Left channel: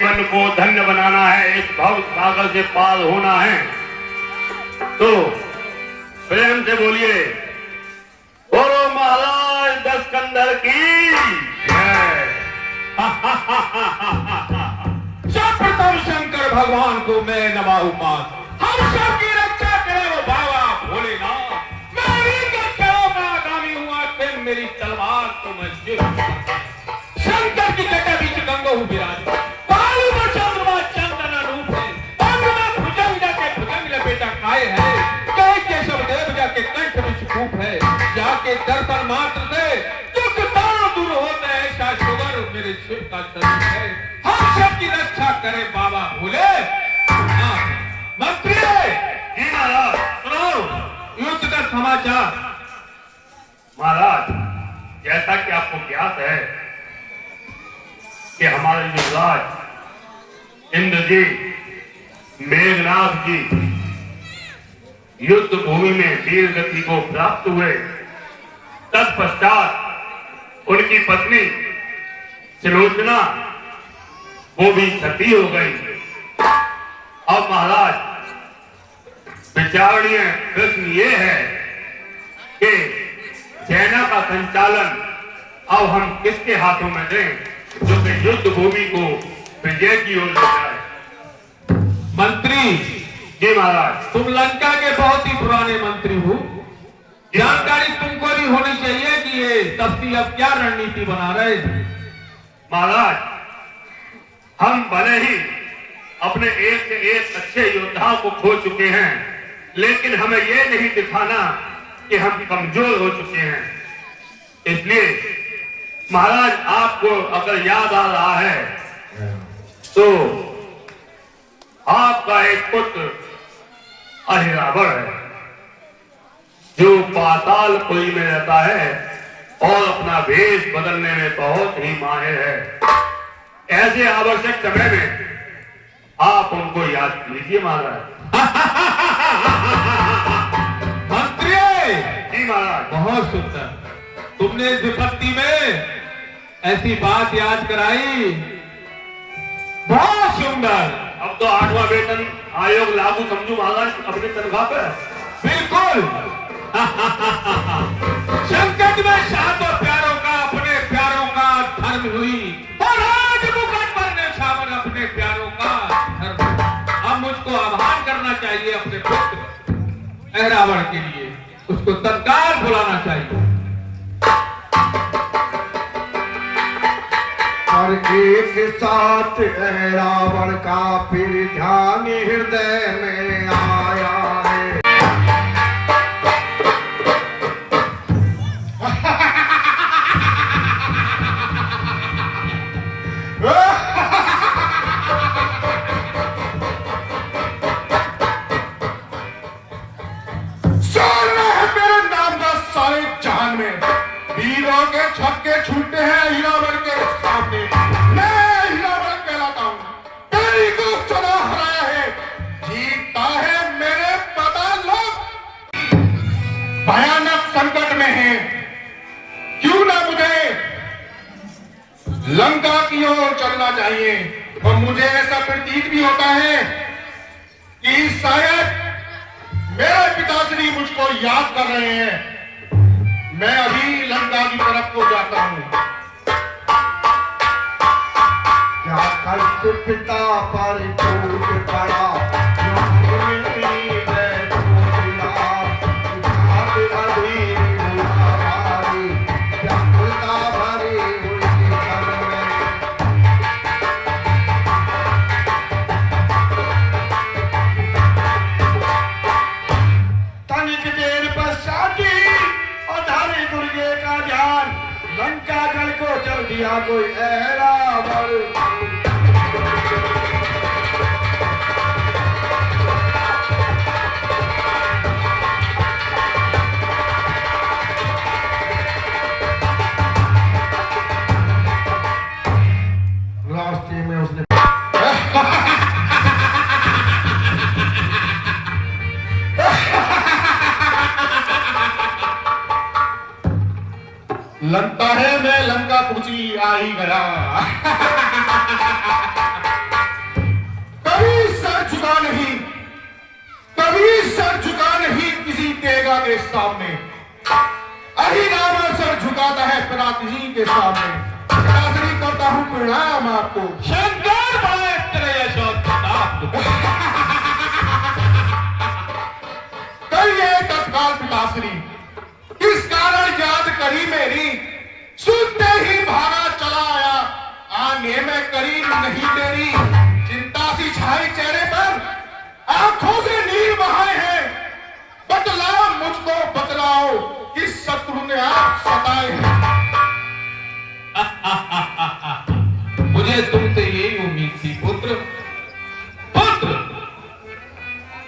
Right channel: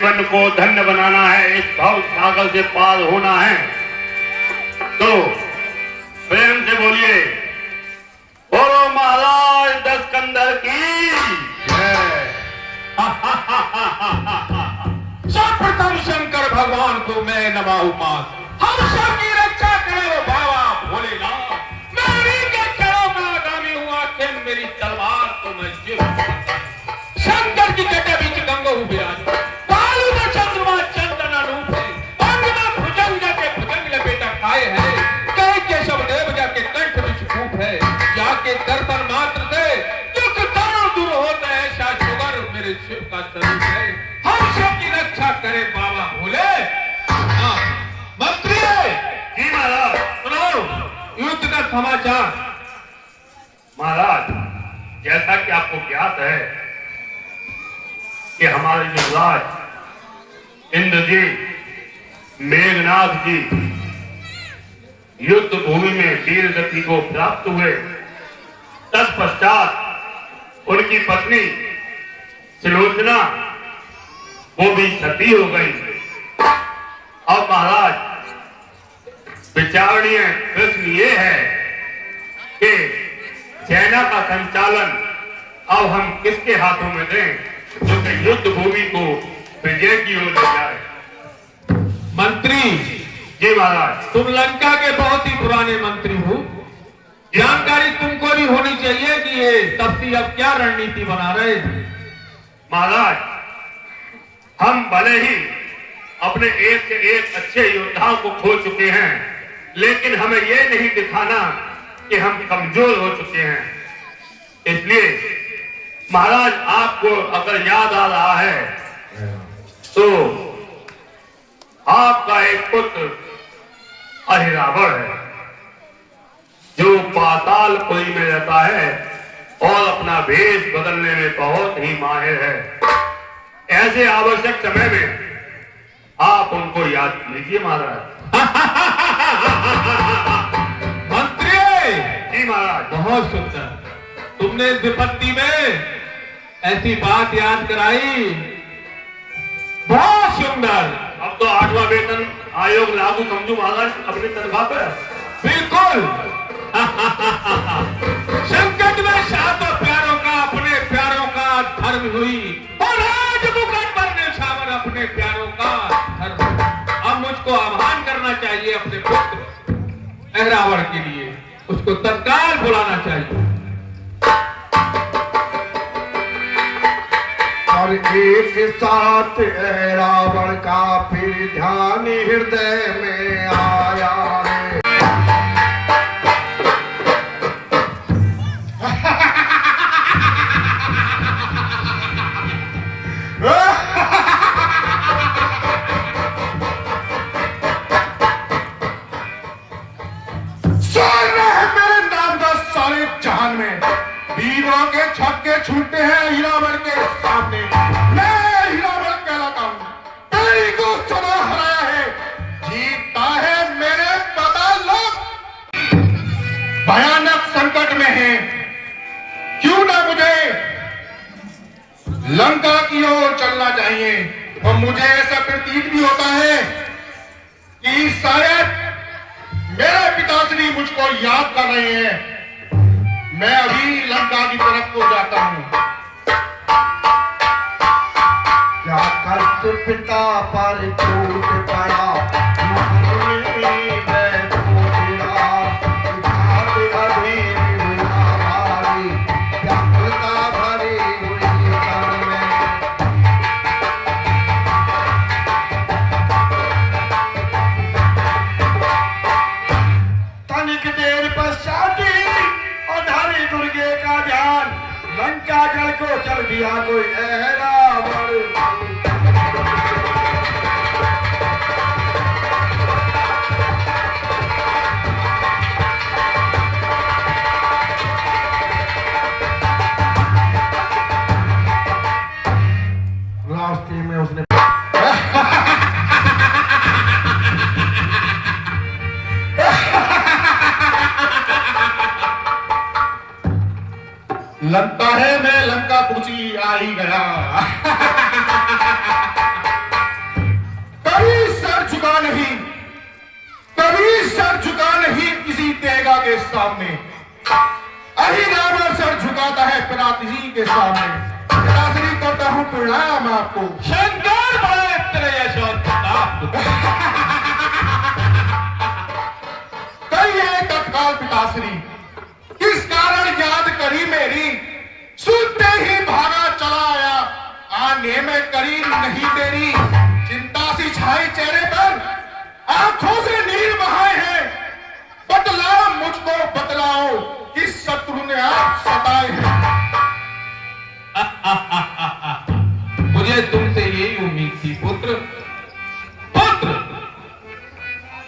मन को धन्य बनाना है, इस भव सागर से पार होना है, तो प्रेम से बोलिए बोलो महाराज दशकंधर की जय। सर्वप्रथम शंकर भगवान को मैं नमाऊं पास। हम सबकी रक्षा करो बाबा भोलेनाथ। मैं इन्हीं के चरणों में आगामी हुआ कि मेरी तलवार तो मैं शंकर की जटा बीच गंगो विराज। पालू में चंद्रमा चंदन रूप है, अंग में भुजंग जाके भुजंग लपेटा काय है। कई केशव देव जाके कंठ में छूप है, जाके दर्शन मात्र से दुख तारों दूर होते हैं। शुगर मेरे शिव का शरीर है, हम सबकी रक्षा करे बाबा भोले। मंत्री जी महाराज, सुनो युद्ध का समाचार। महाराज जैसा कि आपको ज्ञात है कि हमारे युवराज इंद्रजीत मेघनाथ जी युद्ध भूमि में वीर गति को प्राप्त हुए। तत्पश्चात उनकी पत्नी सुलोचना वो भी सती हो गई। और महाराज विचारणीय प्रश्न ये है कि सेना का संचालन अब हम किसके हाथों में दें जो कि युद्ध भूमि को विजय की ओर ले जाए। मंत्री जी महाराज, तुम लंका के बहुत ही पुराने मंत्री हो, जानकारी तुमको भी होनी चाहिए कि ये तप्ती अब क्या रणनीति बना रहे हैं। महाराज हम भले ही अपने एक से एक अच्छे योद्धाओं को खो चुके हैं, लेकिन हमें यह नहीं दिखाना कि हम कमजोर हो चुके हैं। इसलिए महाराज आपको अगर याद आ रहा है तो आपका एक पुत्र अहिरावण है जो पातालपुरी में रहता है और अपना भेष बदलने में बहुत ही माहिर है। ऐसे आवश्यक समय में आप उनको याद कीजिए महाराज। मंत्री जी महाराज, बहुत सुंदर, तुमने इस विपत्ति में ऐसी बात याद कराई, बहुत सुंदर। अब तो 8वां वेतन आयोग लागू समझू महाराज अपनी तनख्वाह पर। बिल्कुल संकट में सातों प्यारों का अपने प्यारों का धर्म हुई, और आज मुकुट पर निछावर अपने प्यारों का धर्म। अब मुझको आह्वान करना चाहिए अपने पुत्र अहिरावण के लिए, उसको तत्काल बुलाना चाहिए। और एक साथ अहिरावण का फिर ध्यान हृदय में आया है। मेरे नाम का सारे जहान में वीरों के छक्के छूटे हैं अहिरावण के सामने। मैं अहिरावण कहलाता हूं, तेरी को सुना हराया है, जीता है मेरे पता लोग। भयानक संकट में है, क्यों ना मुझे लंका की ओर चलना चाहिए। और मुझे ऐसा प्रतीत भी होता है कि शायद मेरे पिताश्री मुझको याद कर रहे हैं। मैं अभी लंका की तरफ को जाता हूं। क्या कष्ट पिता पर टूट पड़ा, लंका जल को चल दिया कोई अहिरावण। रास्ते में उसने लगता है मैं लंका कुची आ ही गया। सामने, अहिरावण सर झुकाता है पिताश्री के सामने। पिताश्री करता हूँ प्रणाम आपको। शंकर बड़े तेरे यश और प्रताप। कहिए तत्काल पिताश्री, किस कारण याद करी मेरी? सुनते ही भागा चला आया, आने में करीब नहीं तेरी। चिंता सी छाई चेहरे पर, आंखों से नीर बहाए हैं। बतलाओ मुझको बतलाओ, किस शत्रु ने आप सताए हैं? मुझे तुमसे यही उम्मीद थी पुत्र। पुत्र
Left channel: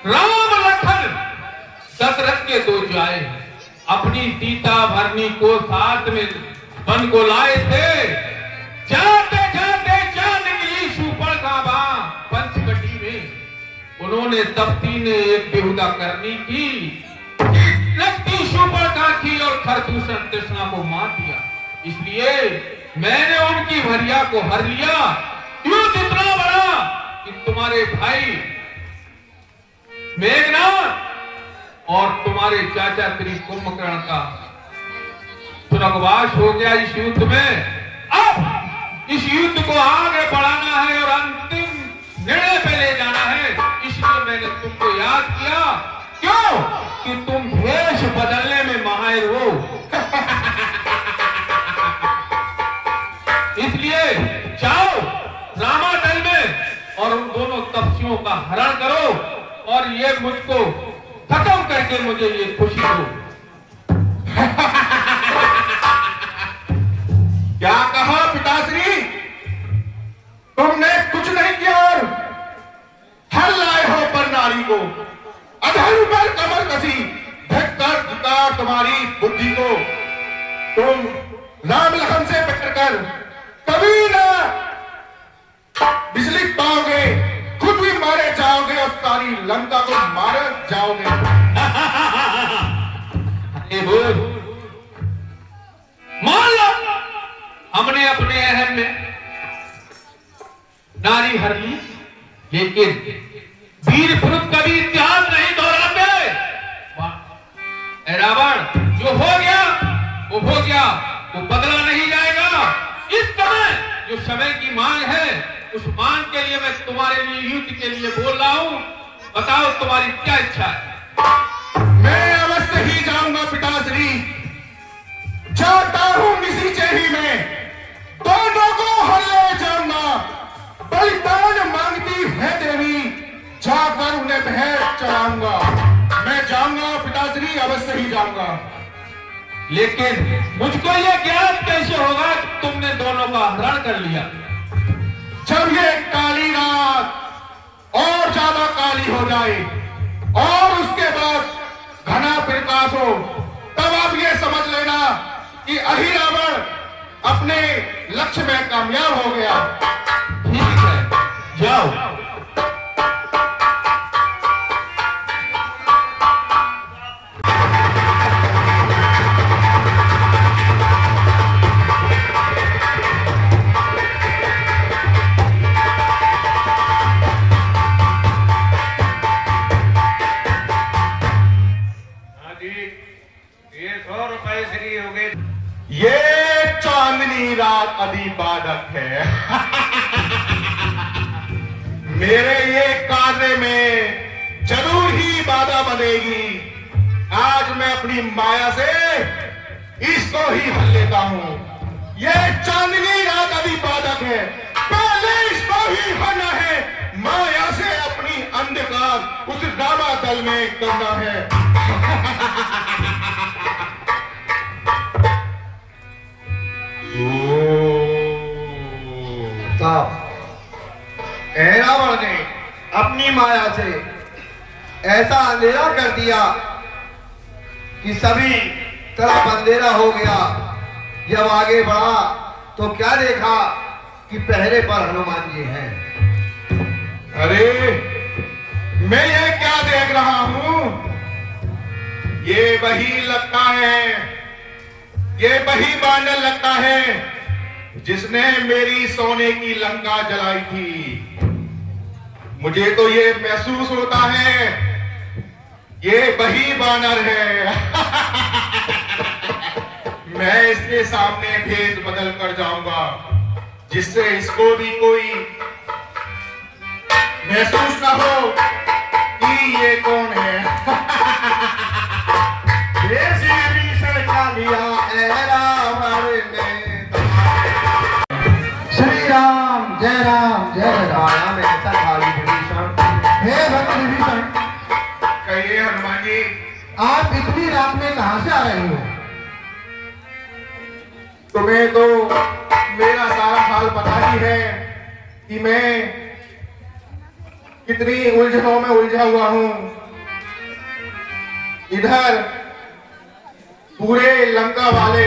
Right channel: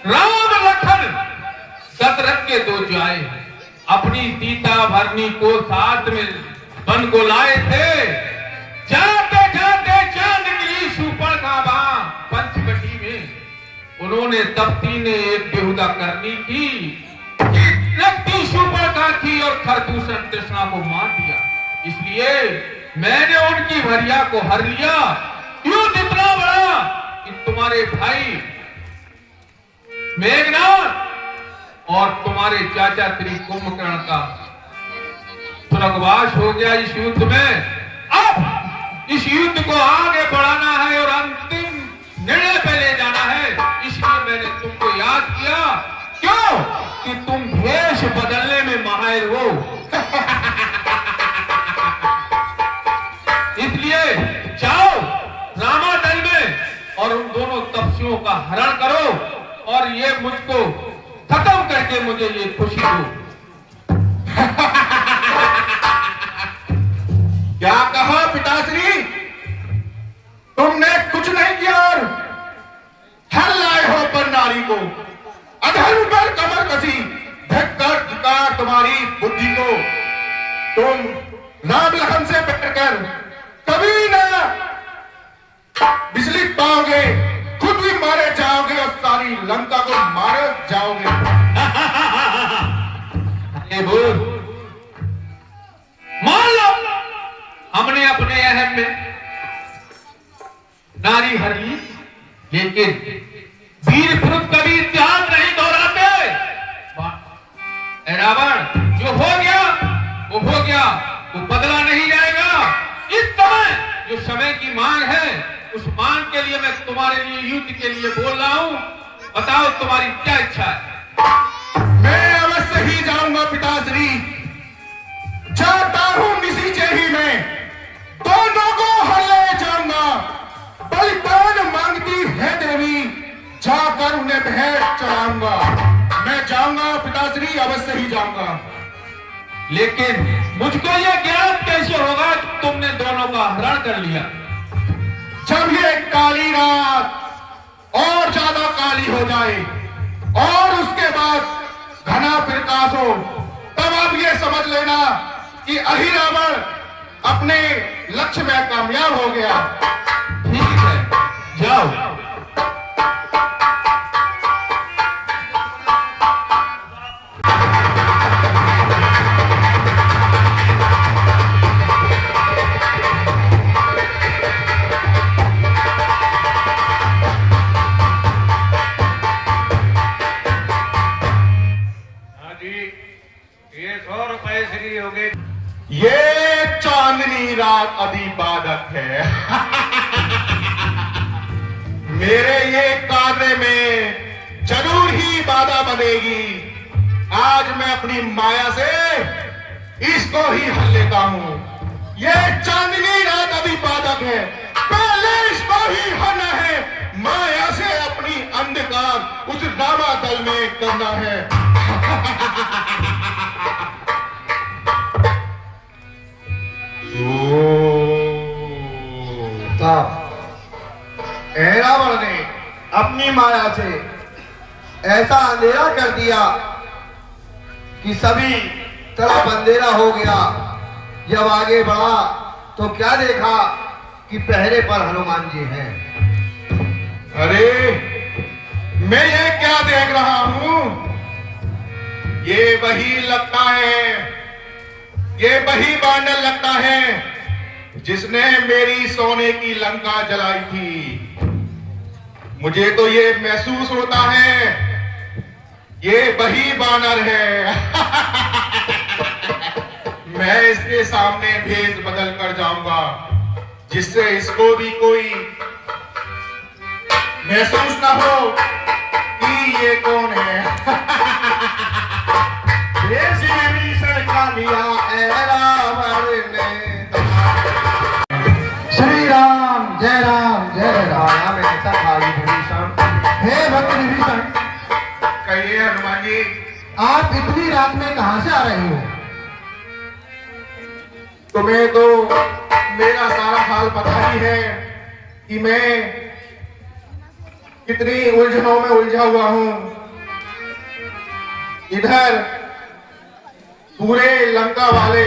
राम लखन दशरथ के दो जाए अपनी सीता भरनी को साथ में वन को लाए थे। जाते जाते चांद निकली शूर्पणखा पंचकटी में। उन्होंने तप्ती ने एक बेहुदा करनी की, लगती शूर्पणखा थी और खरदूषण तृष्णा को मार दिया। इसलिए मैंने उनकी भरिया को हर लिया। युद्ध इतना बड़ा कि तुम्हारे भाई मेघनाथ और तुम्हारे चाचा श्री कुंभकर्ण का स्वर्गवास हो गया इस युद्ध में। अब इस युद्ध को आगे बढ़ाना है और अंतिम निर्णय पे ले जाना है। इसलिए मैंने तुमको याद किया। क्यों? कि तुम भेष बदलने में माहिर हो। इसलिए जाओ रामादल में और उन दोनों तपस्वियों का हरण करो और ये मुझको खत्म करके मुझे ये खुशी दो। क्या कहा पिताश्री? तुमने कुछ नहीं किया और हर लाए हो पर नारी को, अधर्म पर कमर कसी, धिक्कार धिक्कार तुम्हारी बुद्धि को। तुम राम लखन से बैठकर कभी ना बिजली पाओगे, खुद भी मारे जाओगे और सारी लंका को मारे जाओगे। अरे बोल, मान लो हमने अपने अहम में नारी हर ली, लेकिन वीर पुरुष कभी इतिहास नहीं दोहराते। रावण जो हो गया वो हो गया, वो बदला नहीं जाएगा। इस समय जो समय की मांग है, उस मांग के लिए मैं तुम्हारे लिए युद्ध के लिए बोल रहा हूं। बताओ तुम्हारी क्या इच्छा है? मैं अवश्य ही जाऊंगा पिताश्री, जाता हूं निसीचे ही मैं, दोनों को हर ले जाऊंगा। बलिदान मांगती है देवी, जाकर उन्हें भेंट चढ़ाऊंगा। मैं जाऊंगा पिताश्री, अवश्य ही जाऊंगा। लेकिन मुझको यह ज्ञान कैसे होगा कि तुमने दोनों का हरण कर लिया? जब ये काली रात और ज्यादा काली हो जाए और उसके बाद घना प्रकाश हो, तब आप ये समझ लेना कि अहिरावण अपने लक्ष्य में कामयाब हो गया। ठीक है, जाओ। ये चांदनी रात अधिबाधक है। मेरे ये कार्य में जरूर ही बाधा बनेगी। आज मैं अपनी माया से इसको ही हल लेता हूं। ये चांदनी रात अधिबाधक है, पहले इसको ही हलना है। माया से अपनी अंधकार उस रामादल में करना है। रावण ने अपनी माया से ऐसा अंधेरा कर दिया कि सभी तरफ अंधेरा हो गया। जब आगे बढ़ा तो क्या देखा कि पहरे पर हनुमान जी हैं। अरे मैं ये क्या देख रहा हूं? ये वही लगता है, ये वही बांडल लगता है जिसने मेरी सोने की लंका जलाई थी। मुझे तो ये महसूस होता है ये वही बानर है। मैं इसके सामने भेद बदल कर जाऊंगा, जिससे इसको भी कोई महसूस ना हो कि ये कौन है। लिया रावण ने। श्री राम जय राम में ऐसा था विभीषण। हे भक्त विभीषण, कहिए हनुमान जी। आप इतनी रात में कहां से आ रहे हो? तुम्हें तो मेरा सारा हाल पता ही है कि मैं कितनी उलझनों में उलझा हुआ हूं। इधर पूरे लंका वाले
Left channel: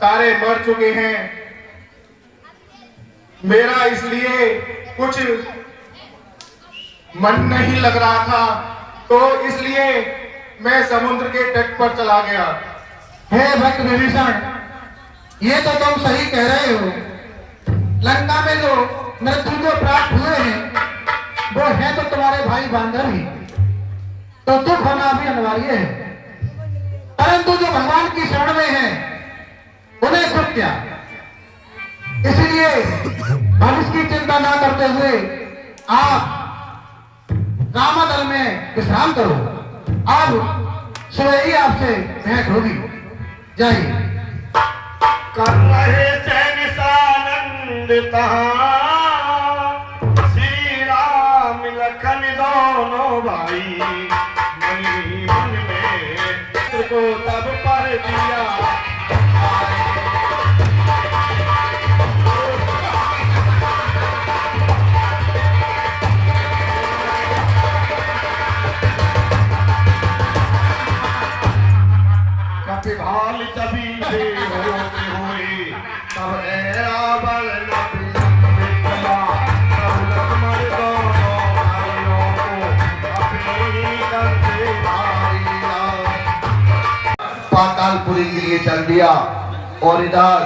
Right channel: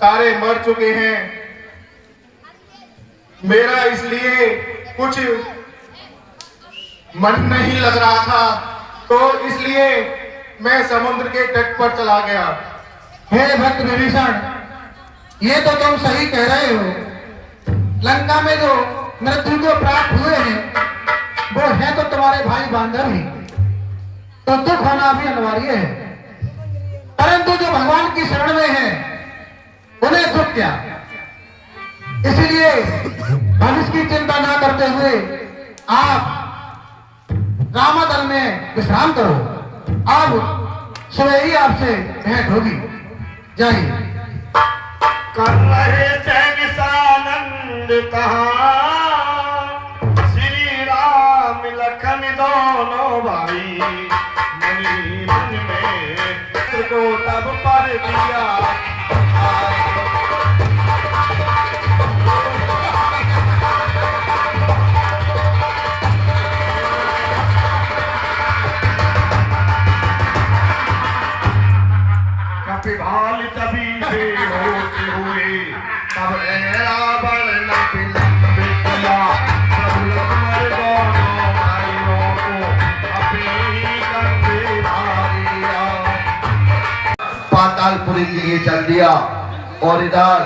सारे मर चुके हैं। मेरा इसलिए कुछ मन नहीं लग रहा था, तो इसलिए मैं समुद्र के तट पर चला गया। हे भक्त विभीषण, ये तो तुम सही कह रहे हो। लंका में जो मृत्यु को प्राप्त हुए हैं वो है तो तुम्हारे भाई बांधव ही, तो दुख होना भी अनिवार्य है। परंतु जो भगवान की शरण में है उन्हें दुख क्या? इसलिए भविष्य की चिंता न करते हुए आप रामदल में विश्राम करो। अब सुबह ही आपसे भेंट होगी। जय हिंद। कर रहे सैन सानंद श्री राम लखन दोनों भाई, मन में को तब पर दिया। कपिभाल तभी से होते हुए तब रावण न विलंबित किया। तब लक्ष्मण दोनों भाइयों को अपनी कंधे भारिया। पातालपुरी के लिए चल दिया और इधर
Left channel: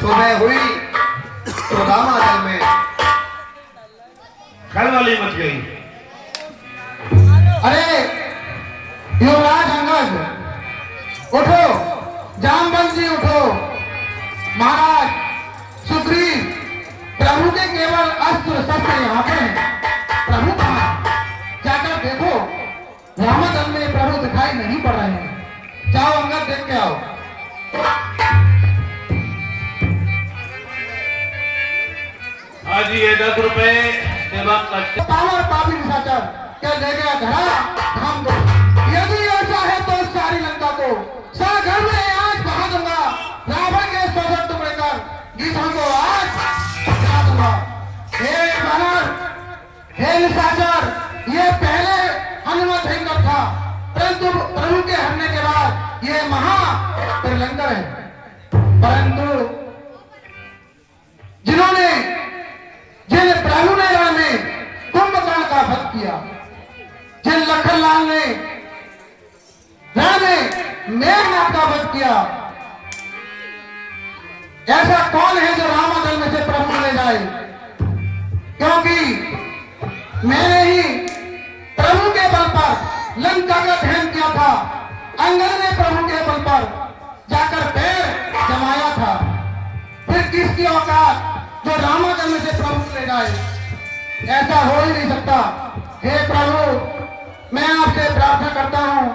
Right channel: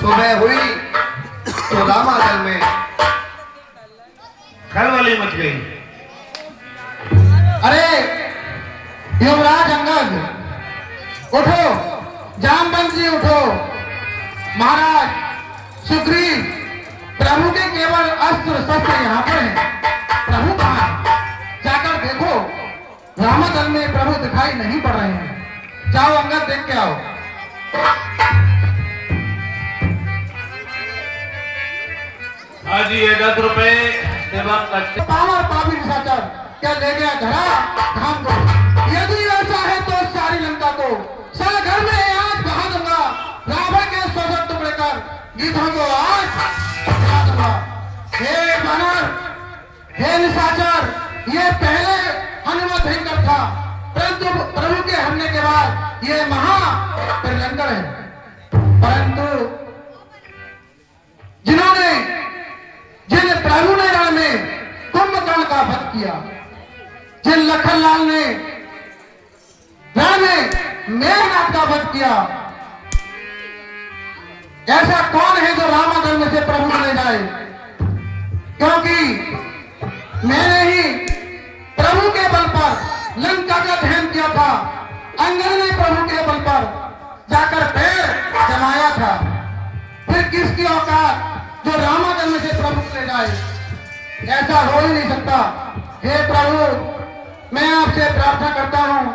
सुबह हुई तो रामाचल में खलबली मच गई। अरे युवराज अंगद, उठो, जामवंत जी उठो। महाराज सुग्रीव, प्रभु के केवल अस्त्र शस्त्र यहाँ पर हैं। प्रभु कहाँ हैं? जाकर देखो, रामाचल में प्रभु दिखाई नहीं पड़ रहे हैं। जाओ अंगद, देख के आओ। आज ये 10 रुपए सेवा करते। पावर पापी निशाचर क्या ले गया घड़ा धाम को? यदि ऐसा है तो सारी लंका को सागर में आज बहा दूंगा। रावण के 100 टुकड़े कर गीधों को आज गिरा दूंगा। हे बानर, हे निशाचर, ये पहले हनुमत हिंदर था, परंतु प्रभु के हमले के बाद ये महा त्रिलंकर है। परंतु जिन प्रभु ने रण में कुंभकर्ण का वध किया, जिन लखनलाल ने रण में मेघनाथ का वध किया, ऐसा कौन है जो रामाचल में से प्रभु ले जाए? क्योंकि मैंने ही प्रभु के बल पर लंका का दहन किया था। अंगद ने प्रभु के बल पर जाकर पैर जमाया था। फिर किसकी औकात जो रामाचल में से प्रभु ले जाए? ऐसा हो ही नहीं सकता। हे प्रभु, मैं आपसे प्रार्थना करता हूं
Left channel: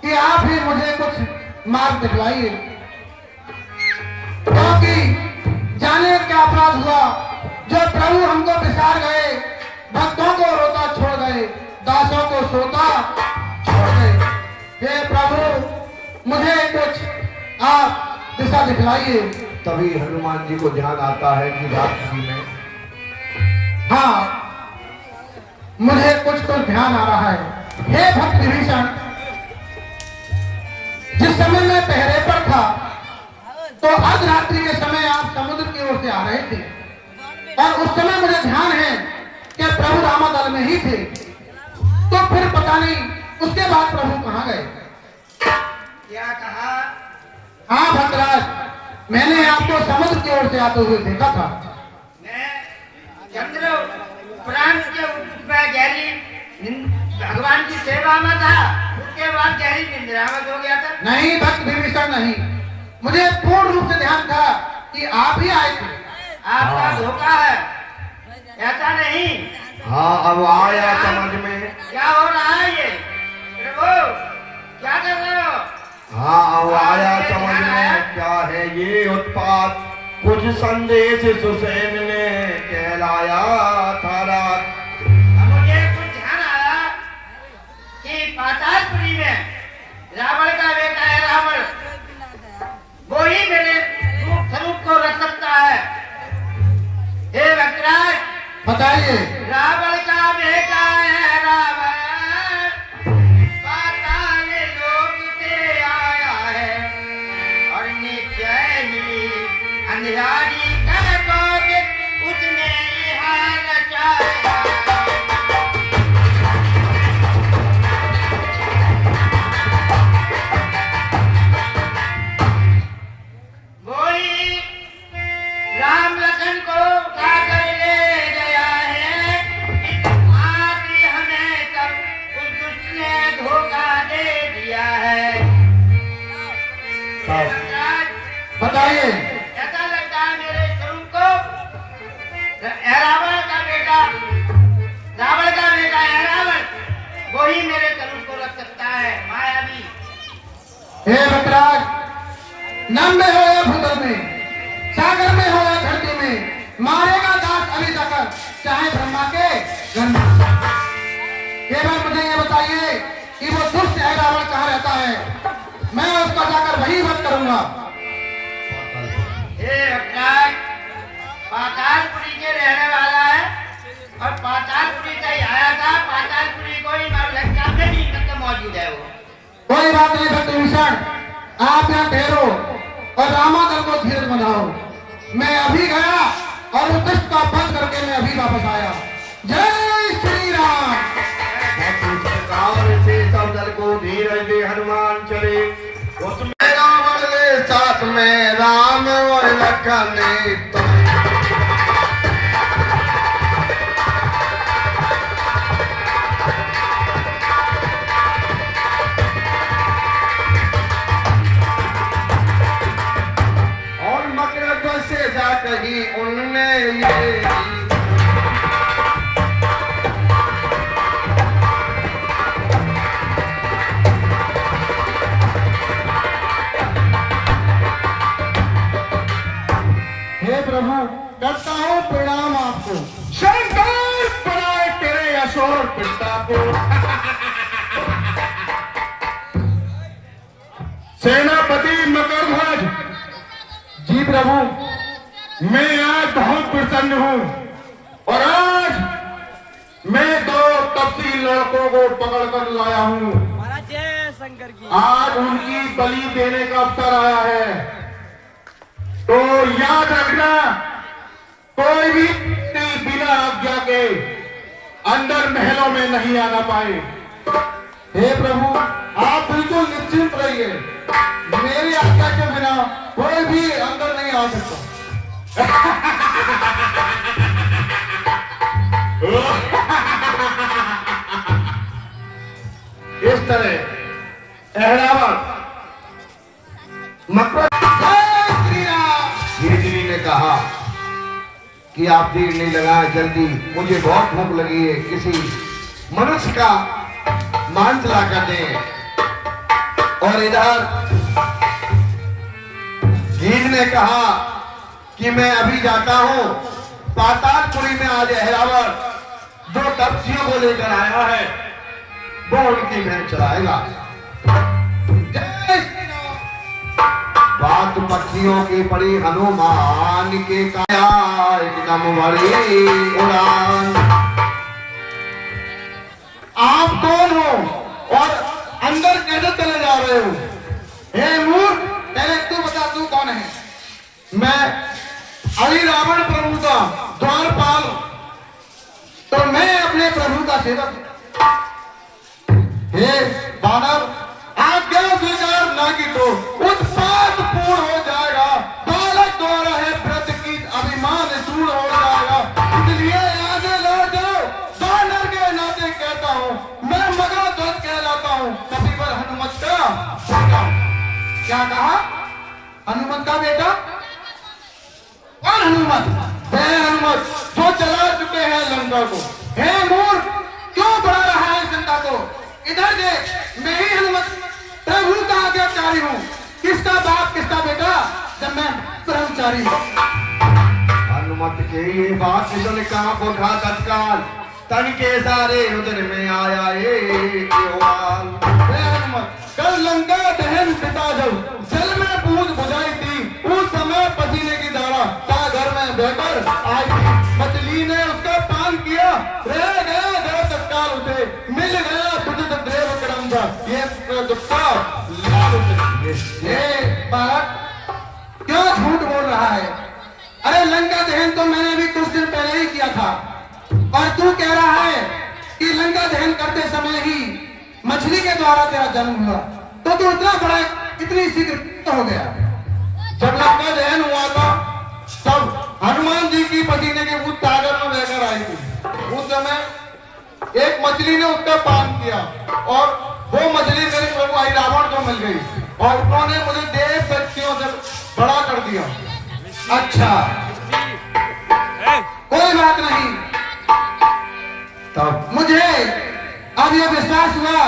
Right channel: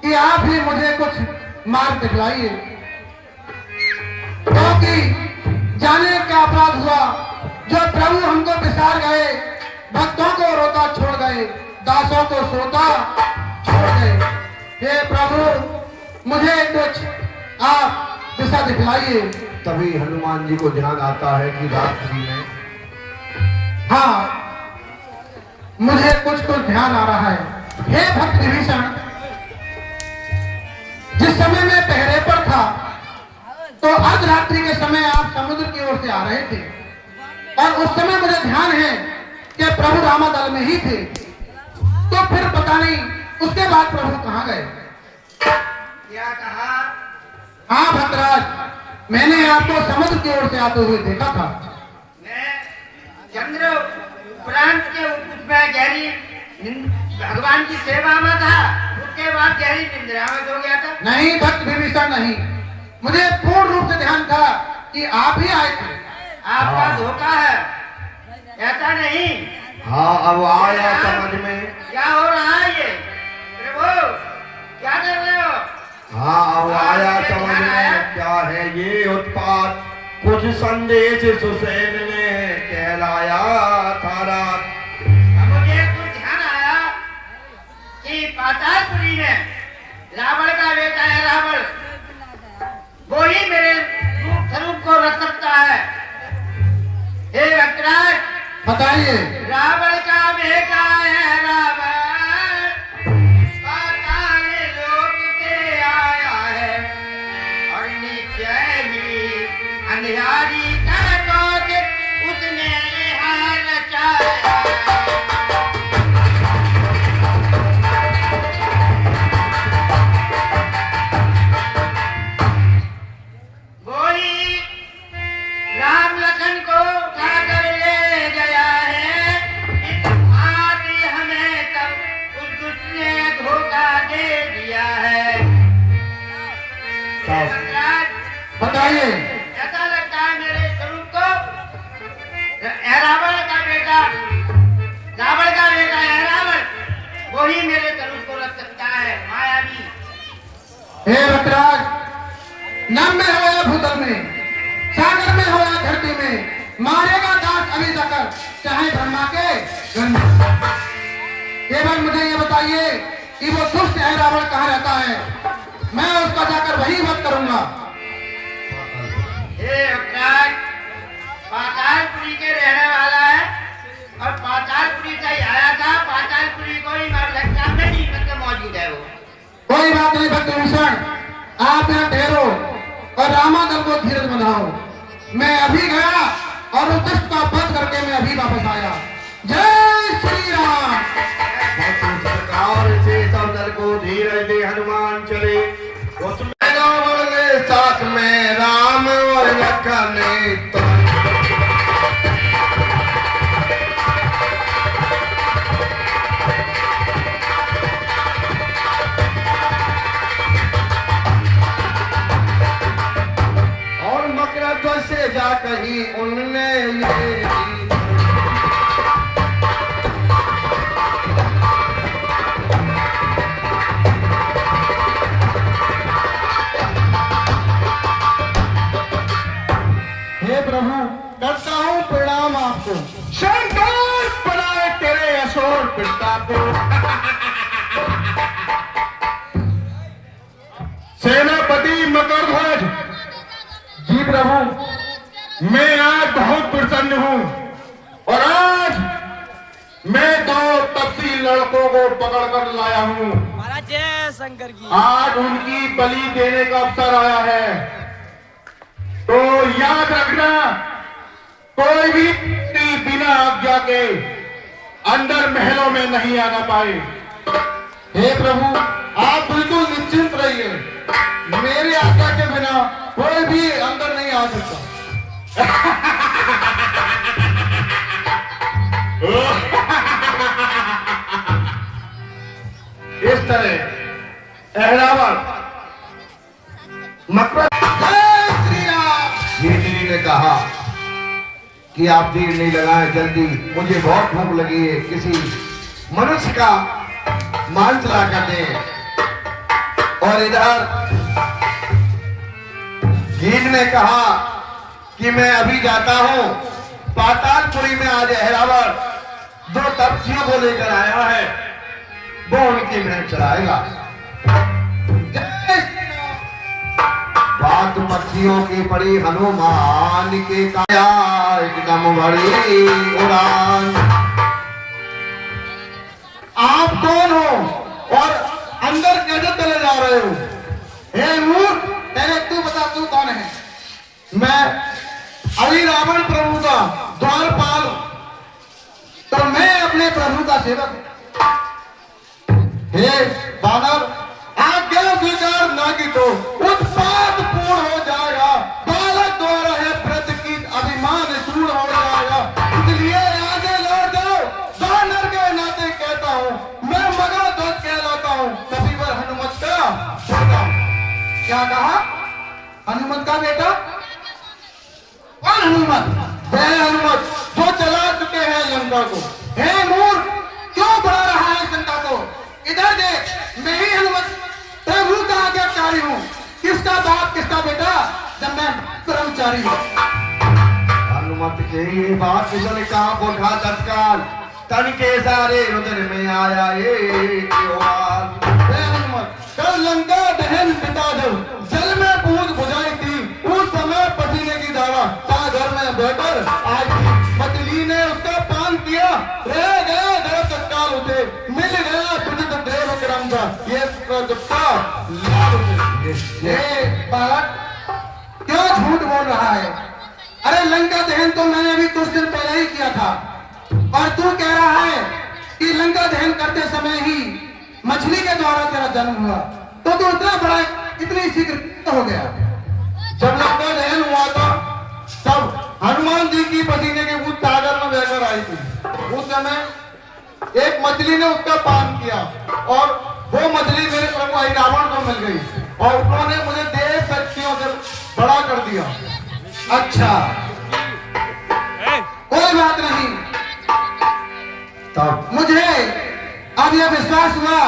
कि आप ही मुझे कुछ मार्ग दिखलाइए, क्योंकि जाने क्या अपराध हुआ जो प्रभु हमको बिसार गए, भक्तों को रोता छोड़ गए, दासों को सोता छोड़ गए। हे प्रभु, मुझे कुछ आप दिशा दिखलाइए। तभी हनुमान जी को ध्यान आता है कि रात्रि में हाँ, मुझे कुछ तो ध्यान आ रहा है। हे भक्त विभीषण, जिस समय मैं पहरे पर था तो अर्धरात्रि के समय आप समुद्र की ओर से आ रहे थे, और उस समय मुझे ध्यान है कि प्रभु रामादल में ही थे। तो फिर पता नहीं उसके बाद प्रभु कहाँ गए? क्या कहा? हाँ भक्तराज, मैंने आपको समुद्र की ओर से आते हुए देखा था। मैं चंद्र प्रांत के उसमें गहरी भगवान की सेवा में था, उसके बाद गहरी निंद्रा में हो गया था। नहीं भक्त विभीषण नहीं, मुझे पूर्ण रूप से ध्यान था कि आप ही आए थे। आपका धोखा है, ऐसा नहीं। हाँ अब आया समझ में। क्या हो रहा है ये प्रभु, क्या कर रहे हो? हाँ अब आया समझ में, क्या है ये उत्पात। कुछ संदेश सुसैन ने कहलाया था रात। मुझे कुछ ध्यान आया कि पातालपुरी में रावण का बेटा है रावण, वो ही मेरे रूप स्वरूप को रख सकता है। हे भक्तराज, बताइए। रावण का बेटा है रावण, पाताल लोक से आया है और निश्चय ही अंधियारी कर दोगे उसने यहाँ रचाया। वही राम लखन को उठाकर ले गया है, आदि हमें तब उस दुष्ट ने धोखा दे दिया है। बताइए। ऐसा लगता है मेरे स्वरूप को रावण का बेटा है रावण, वही मेरे स्वरूप को रख सकता है। मायावी हे रुद्राज, नम में हो या भूतल में, सागर में हो या धरती में, मारेगा दास अभी जाकर चाहे ब्रह्मा के जन्म। केवल मुझे ये बताइए कि वो दुष्ट है रावण कहाँ रहता है, मैं उसको जाकर वही वध करूंगा। हे अवतार, पातालपुरी के रहने वाला है और पातालपुरी से ही आया था। पातालपुरी को ही मैं लगता नहीं मतलब मौजूद है वो। कोई बात नहीं भक्त भूषण, आप यहाँ ठहरो और रामादल को धीरज बनाओ। मैं अभी गया और उस दुष्ट का वध करके मैं अभी वापस आया। जय श्री राम। इस प्रकार से सब दल को धीरज दे हनुमान चले। उसमें रावण के साथ में राम और लखन और मकर से जा कही उनने ये हे प्रभु, करता हूँ प्रणाम आपको। शंकर बनाए तेरे असुर पिता को। सेनापति मकरध्वज, जी प्रभु। मैं आज बहुत प्रसन्न हूँ और आज मैं 2 तपसी लड़कों को पकड़ कर लाया हूँ। आज उनकी बलि देने का अवसर आया है, तो याद रखना कोई भी बिना आज्ञा के अंदर महलों में नहीं आना पाए। हे प्रभु, आप बिल्कुल निश्चिंत रहिए, मेरी आज्ञा के बिना कोई भी अंदर नहीं आ सकता। इस तरह अहलावत मकर जय श्री राम। धीरे ने कहा कि आप देर नहीं लगाए, जल्दी, मुझे बहुत भूख लगी है, किसी मनुष्य का मांस ला कर दें। और इधर भीम ने कहा कि मैं अभी जाता हूं, पातालपुरी में आज अहलावत 2 तपस्वियों को लेकर आया है, वो उनकी महल चलाएगा। जय श्री राम। बात पक्षियों की पड़ी हनुमान के काया एकदम बड़ी उड़ान। आप कौन हो और अंदर कैसे चले जा रहे हो? हे मूर्ख, पहले तू बता, तू कौन है? मैं अभी रावण प्रभु का द्वारपाल, तो मैं अपने प्रभु का सेवक। हे बानर, आज्ञा स्वीकार ना की तो उत्पात पूर्ण हो जाएगा, बालक द्वारा है व्रत की अभिमान चूर्ण हो जाएगा, इसलिए आगे लौट जाओ। बानर के नाते कहता हूँ, मैं मगरध्वज कहलाता हूँ, कपिवर हनुमत का। क्या कहा? हनुमत का बेटा? कौन हनुमत? वह हनुमत जो जला चुके हैं लंका को। हे मूर्ख, क्यों बढ़ा रहा है जनता को? इधर देख, मैं ही हनुमत प्रभु का आज्ञाकारी हूँ। किसका बाप किसका बेटा जब मैं ब्रह्मचारी हूँ? हनुमत के ये बात जो कहा बोधा तत्काल तन के सारे उधर में आया एक युवाल। कल लंका दहन पिता जब जल में बूंद बुझाई थी, उस समय पसीने की धारा सागर में बहकर आई थी। मछली ने उसका पान किया, रह गया धर तत्काल उठे, मिल गया विदित देव क्रमजा ये दुखा लाल उठे। ये बालक क्यों झूठ बोल रहा है? अरे लंका दहन तो मैंने भी कुछ दिन पहले ही किया था, और तू कह रहा है कि लंका दहन करते समय ही मछली के द्वारा तेरा जन्म हुआ, तो तू इतना बड़ा इतनी शीघ्र हो गया। जब लंका दहन हुआ था तब हनुमान जी की पसीने की बूंद सागर में बहकर आई थी। उस समय एक मछली ने उसका पान किया और वो मछली मेरे प्रभु आई रावण को मिल गई और उन्होंने मुझे देव शक्तियों से बड़ा कर दिया। अच्छा, कोई बात नहीं। तब मुझे अब यह विश्वास हुआ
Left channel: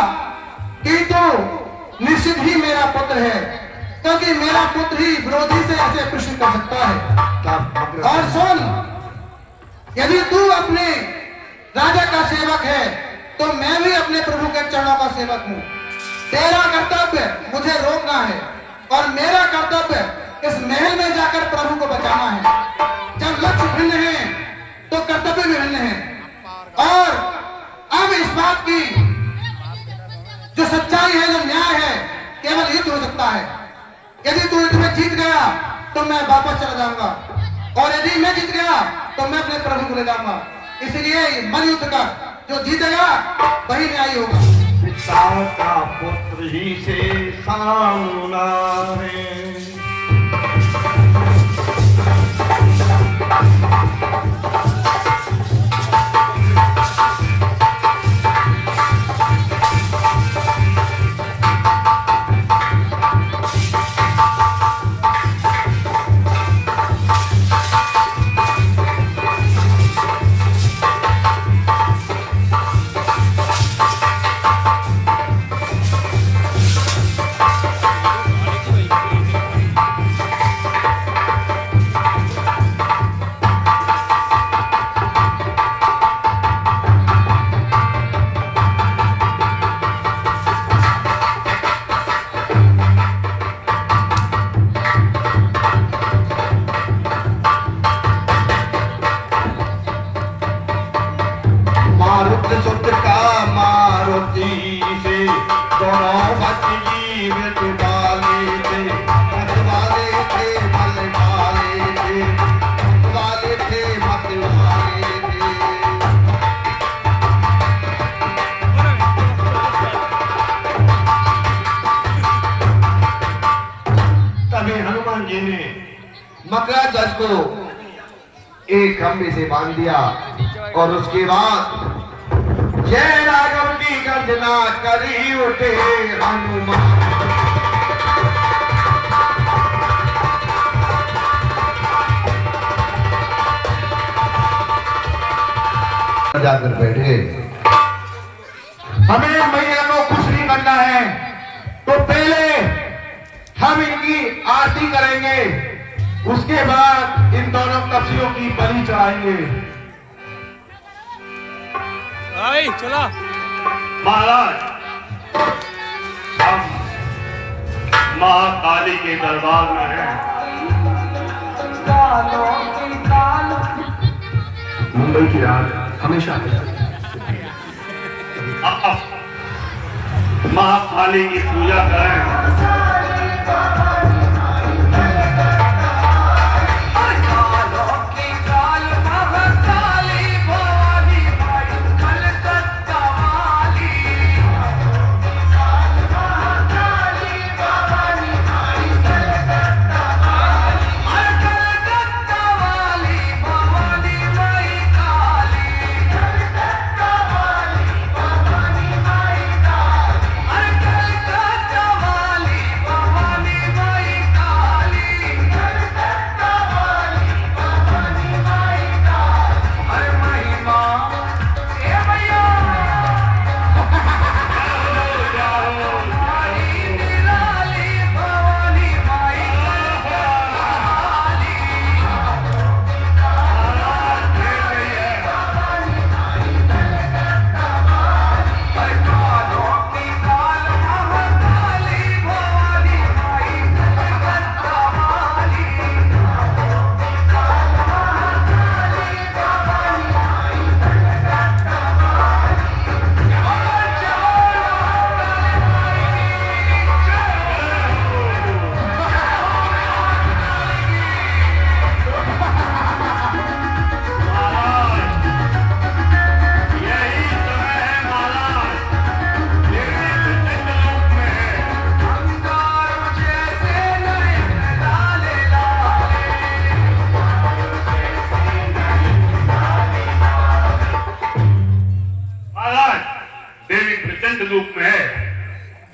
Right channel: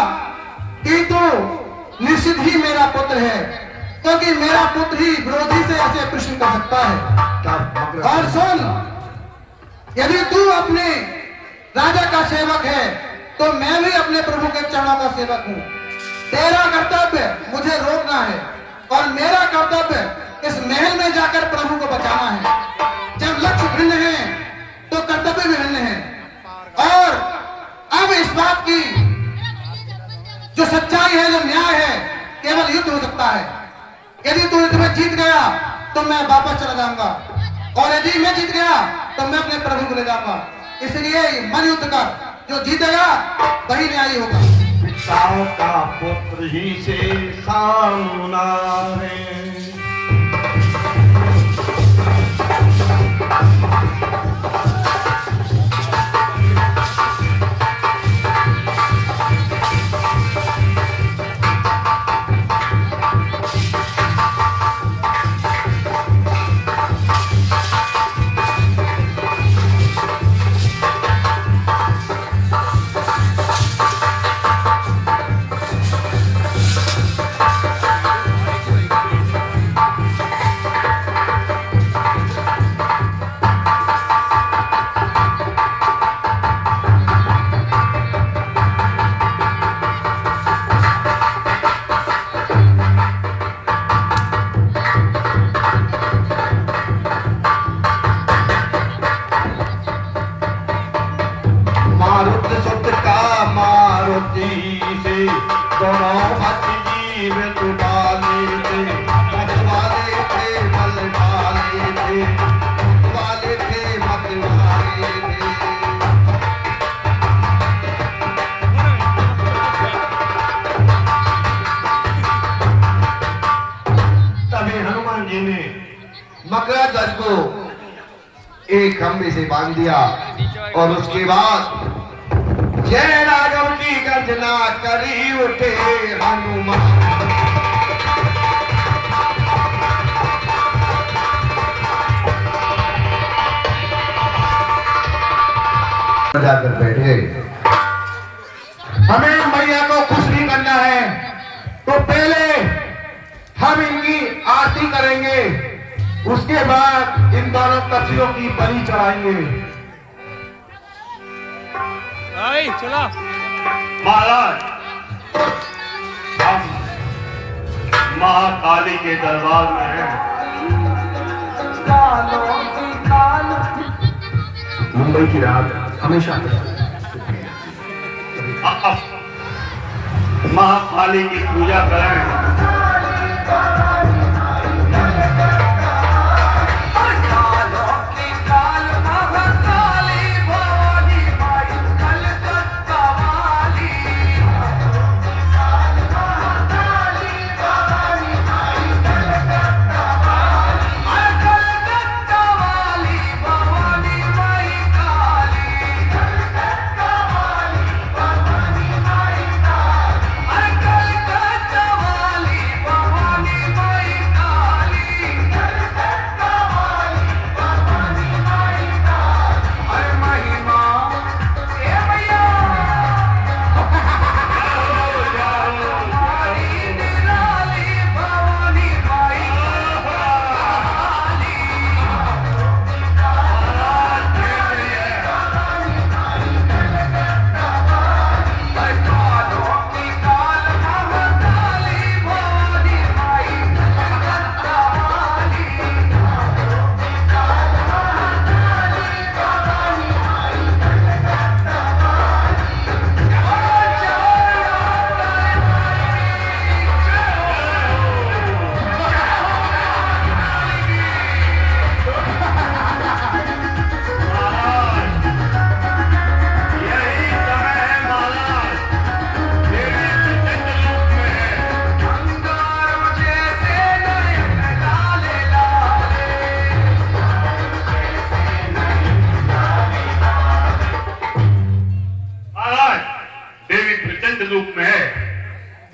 कि तू निश्चित ही मेरा पुत्र है, क्योंकि मेरा पुत्र ही विरोधी से ऐसे कृष्ण कर सकता है। और सुन, यदि तू अपने राजा का सेवक है तो मैं भी अपने प्रभु के चरणों का सेवक हूँ। तेरा कर्तव्य मुझे रोकना है और मेरा कर्तव्य इस महल में जाकर प्रभु को बचाना है। जब लक्ष्य भिन्न है तो कर्तव्य भी भिन्न है। और अब इस बात की जो सच्चाई है, जो न्याय है, केवल युद्ध हो सकता है। यदि तू युद्ध में जीत गया तो मैं वापस चला जाऊंगा, और यदि मैं जीत गया तो मैं अपने प्रभु को ले जाऊंगा। इसलिए मन युद्ध का, जो जीतेगा वही न्यायी होगा। पिता का पुत्र ही से सामना है। मकराध्वज को एक खंबे से बांध दिया और उसके बाद जय राघव की गर्जना करी उठे हनुमान। जाकर बैठे। हमें मैया को खुश नहीं करना है तो पहले हम इनकी आरती करेंगे, उसके बाद इन दोनों कपड़ियों की बलि चढ़ाएंगे। आई चला महाराज, हम महाकाली के दरबार में हैं। मुंबई की रात हमेशा महाकाली की पूजा करें। रूप में है।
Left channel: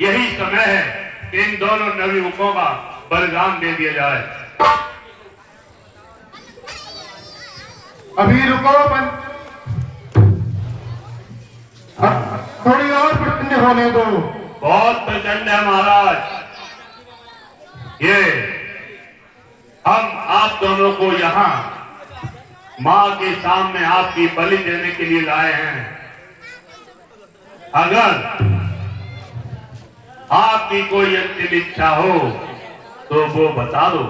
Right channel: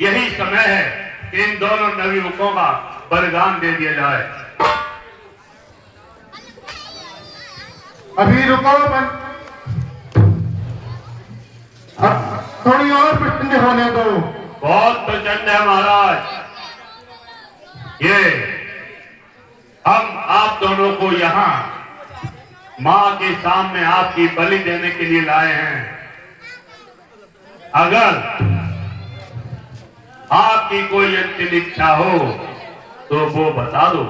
यही समय है कि इन दोनों नवयुवकों का बलिदान दे दिया जाए। अभी रुको, थोड़ी और प्रचंड होने दो। बहुत प्रचंड है महाराज। ये हम आप दोनों को यहाँ माँ के सामने आपकी बलि देने के लिए लाए हैं। अगर आपकी कोई अंतिम इच्छा हो तो वो बता दो,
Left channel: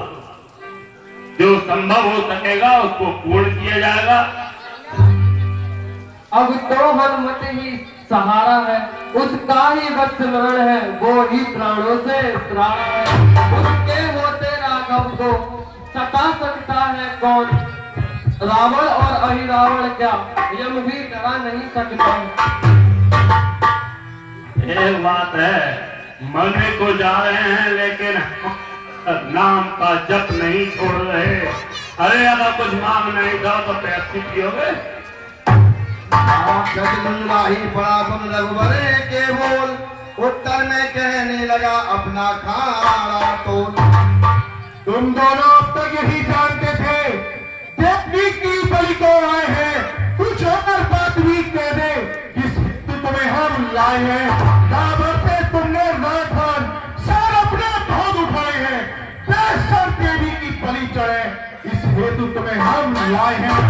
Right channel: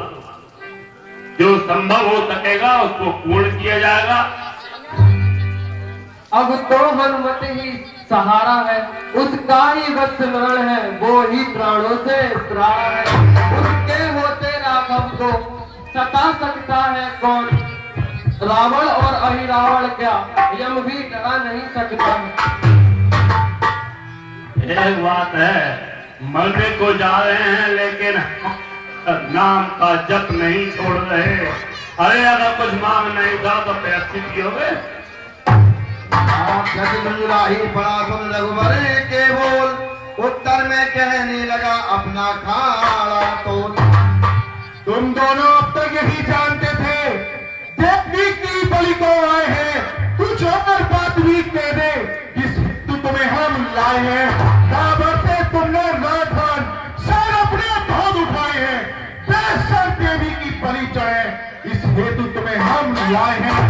जो संभव हो सकेगा उसको पूर्ण किया जाएगा। अब तो हनुमत ही सहारा है, उसका ही वत्समरण है, वो ही प्राणों से प्राण है। उसके होते राघव को सता सकता है कौन? रावण और अहिरावण क्या यम भी डरा नहीं सकता। ये बात है, मरने को जा रहे हैं लेकिन नाम का जप नहीं छोड़ रहे। अरे अगर कुछ मांग नहीं था तो पैसे पियोगे। ही पड़ा सुन रघुवर के बोल, उत्तर में कहने लगा अपना खाना तो। तुम दोनों अब तक यही जानते थे देखने की बलि को आए हैं, कुछ और बात भी कह दे जिस हेतु तुम्हें हम लाए हैं। रावण से तुमने लौटन सर अपने भाग उठाए हैं, बेसर देवी की बलि चढ़े, इस हेतु तुम्हें हम लाए हैं।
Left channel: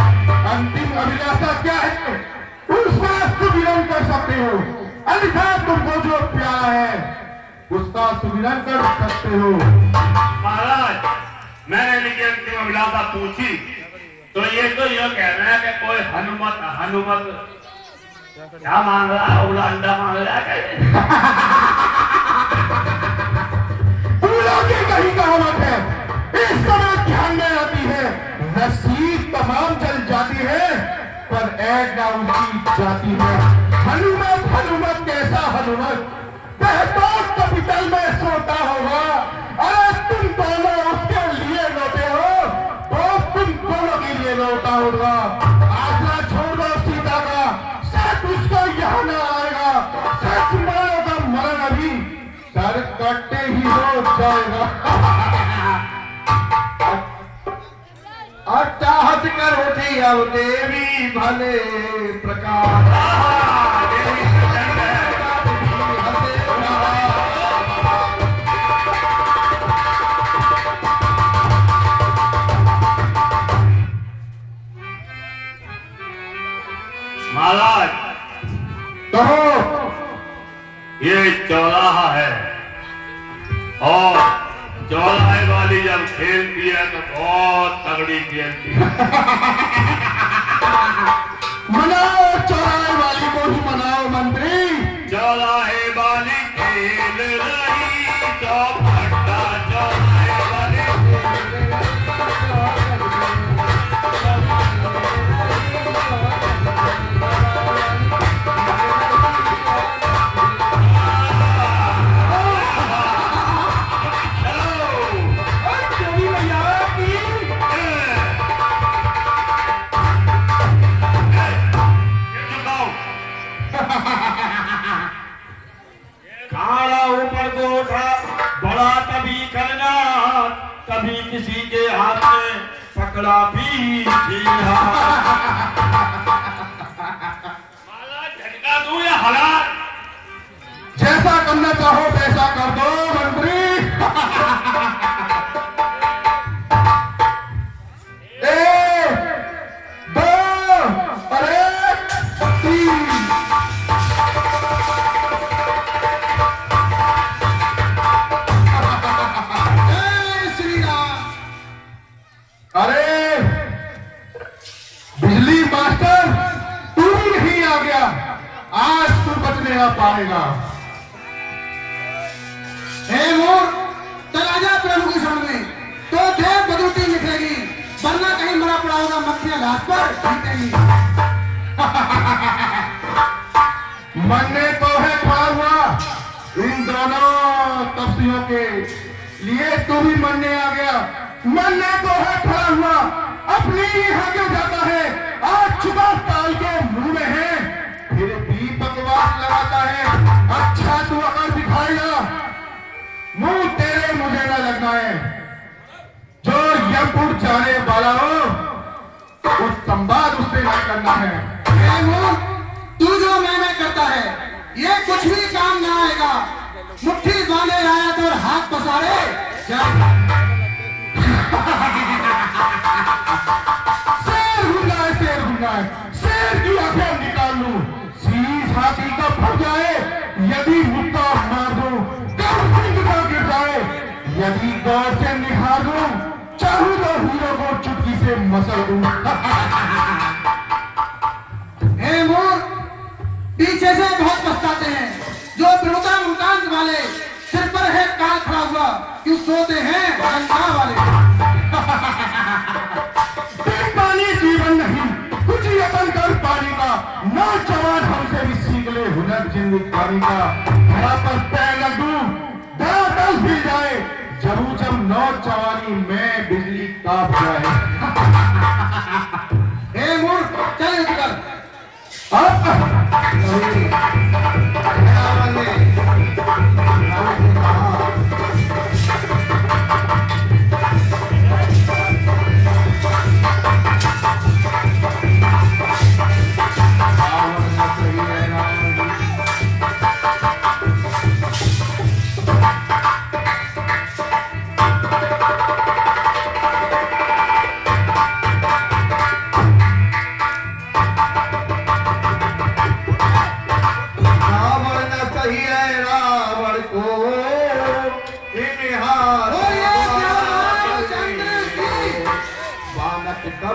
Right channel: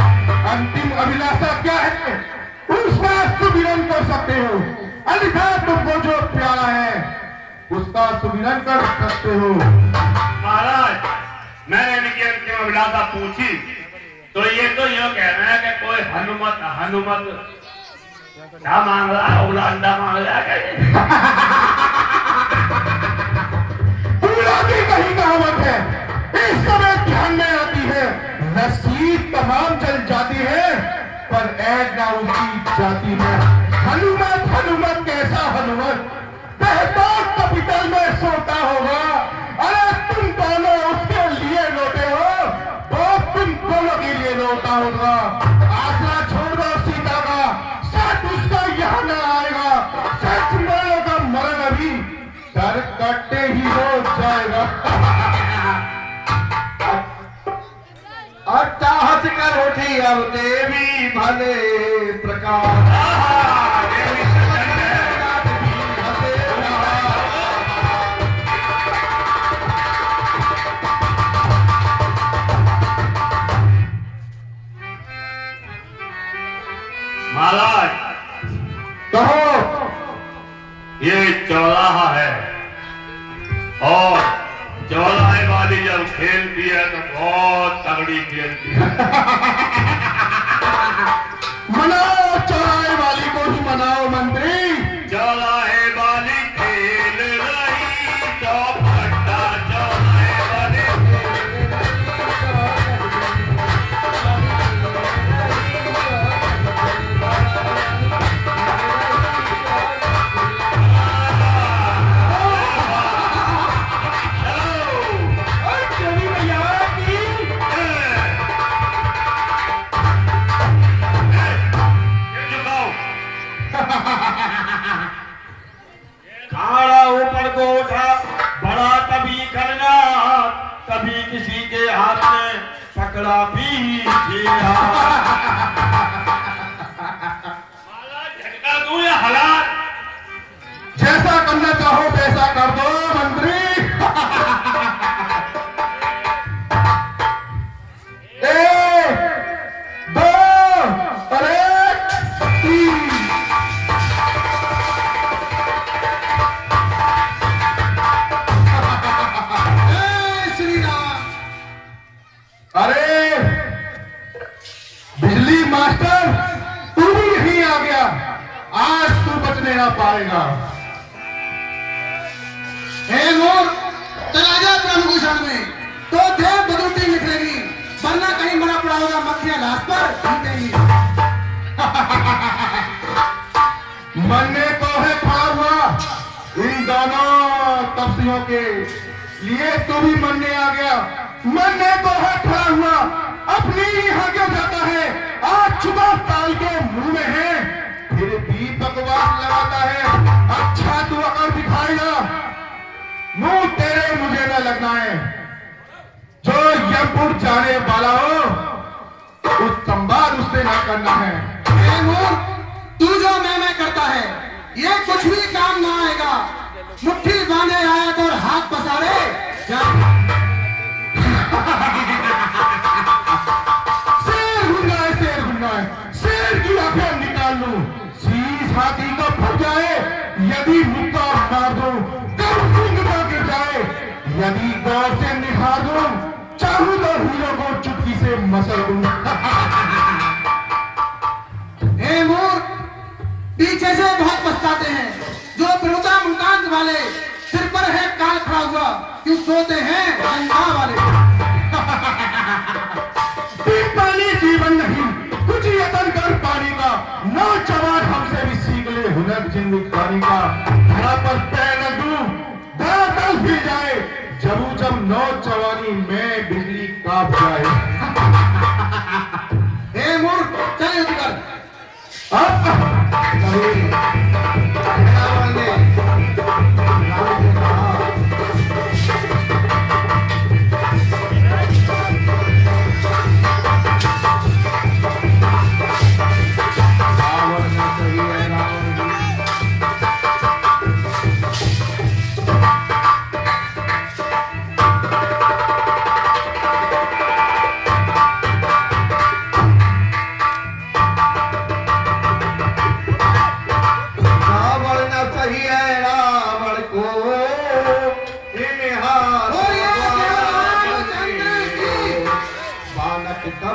अंतिम अभिलाषा क्या है उसका सुमिरन कर सकते हो, अन्यथा तुमको जो प्यारा है उसका सुमिरन कर सकते हो। महाराज, मैंने इनकी अंतिम अभिलाषा पूछी तो ये तो यो कह रहे हैं कि कोई हनुमत क्या मांग रहा है, अंडा मांग रहा है। कहीं कहावत है, इस समय ध्यान में आती है, रस्सी तमाम जल जाती है पर ऐड ना उसकी जाती है। हनुमत कैसा हनुमत, बेहतर कैपिटल में सोता होगा। अरे तुम दोनों उसके लिए लौटे हो तो तुम दोनों के लिए लौटा होगा। आसरा छोड़ दो सीता का, सच उसको यहाँ न आएगा। सच मरण का मरण अभी सर कटते ही हो जाएगा। अट्टाहट कर उठी अब देवी भले प्रकार। महाराज, कहो। ये चौराहा है और चौराहे वाली जब खेलती है तो बहुत तगड़ी खेलती है। मनाओ चौराहे वाली को ही मनाओ मंत्री। चौराहे वाली खेल रही तो भट्टा चौराहे वाली खाड़ा ऊपर को उठा, बड़ा कभी करना, कभी किसी के हाथ में पकड़ा भी छीना। झटका दूं या हालात? जैसा करना चाहो वैसा कर दो मंत्री। एक, दो, अरे तीन। अरे बिजली मास्टर, तू भी यहीं आ गया, आज तू बचने ना पाएगा। चला जा प्रभु के शरण में तो ढेर बदौलती निकलेगी, वरना कहीं मरा पड़ा होगा मक्खियां घास पर जीतेगी। मन में तो है खड़ा हुआ इन दोनों तपस्वियों के लिए, तू भी मनने आ गया। मन में तो है खड़ा हुआ, अपनी ही आगे जाता है, आज चुनाव काल के मुंह में है, फिर भी बकवास लगाता है। कुछ भी काम ना आएगा। मुट्ठी बांधे आया तो हाथ पसारे शेर हुआ है, शेर की आंखें निकाल लूं, शीश हाथी को फट जाए, यदि मुक्का मार दूं, जिंदा गिर जाए, यदि गौर से निहार दूं, चाहूं तो हीरो को चुटकी से मसल दूं। हे मूर्ख, पीछे से बहुत पछताते हैं। जो प्रमुखा मुकांत वाले सिर पर है काल खड़ा हुआ, क्यों सोते हैं अहंकार वाले। पानी जीवन नहीं, कुछ यतन कर पानी का, नौजवान हमसे भी सीख ले हुनर जिंदगानी का। यहाँ पर पैर न दूं, बादल भी जाए, जब नौजवानी में बिजली काट जाए। हे मूर्ख, चल उठकर। नहीं,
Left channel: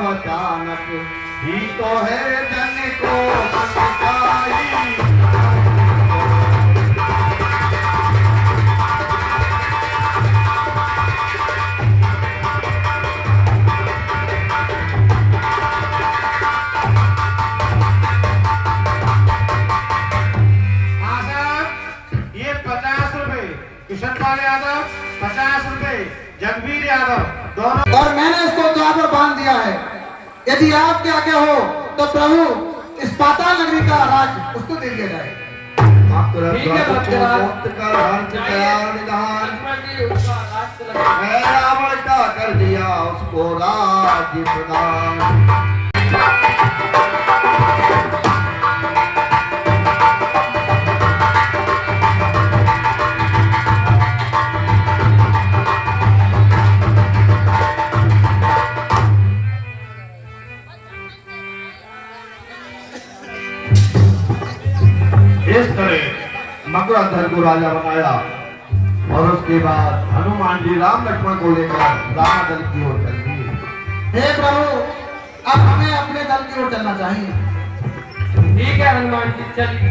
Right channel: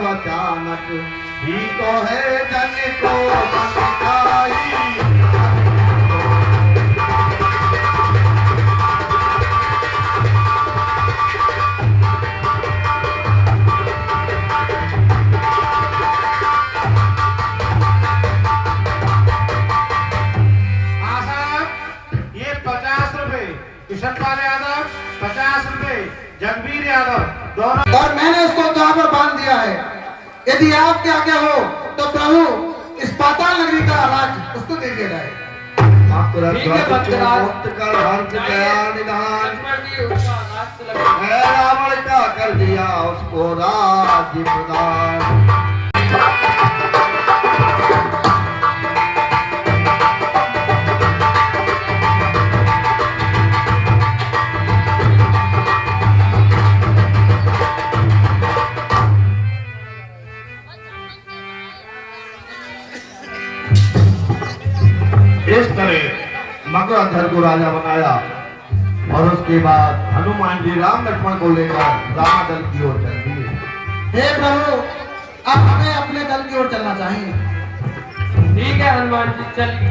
अचानक ही तो है जन को सिखाई। ये 50 रुपए किशन पाल यादव, 50 रुपए जगबीर यादव दोनों, और मैंने इसको द्वार पर बांध दिया है। यदि आपके आगे हो तो प्रभु इस पाताल नगरी का राज उसको दे दिया जाए। ठीक है रावण का कर दिया उसको राज्य प्रदान। इस तरह मगधर को राजा बनाया और उसके बाद हनुमान जी राम लक्ष्मण को लेकर रावण दल की ओर चल दिए। हे प्रभु, अब हमें अपने दल की ओर चलना चाहिए। ठीक है हनुमान जी, चलिए।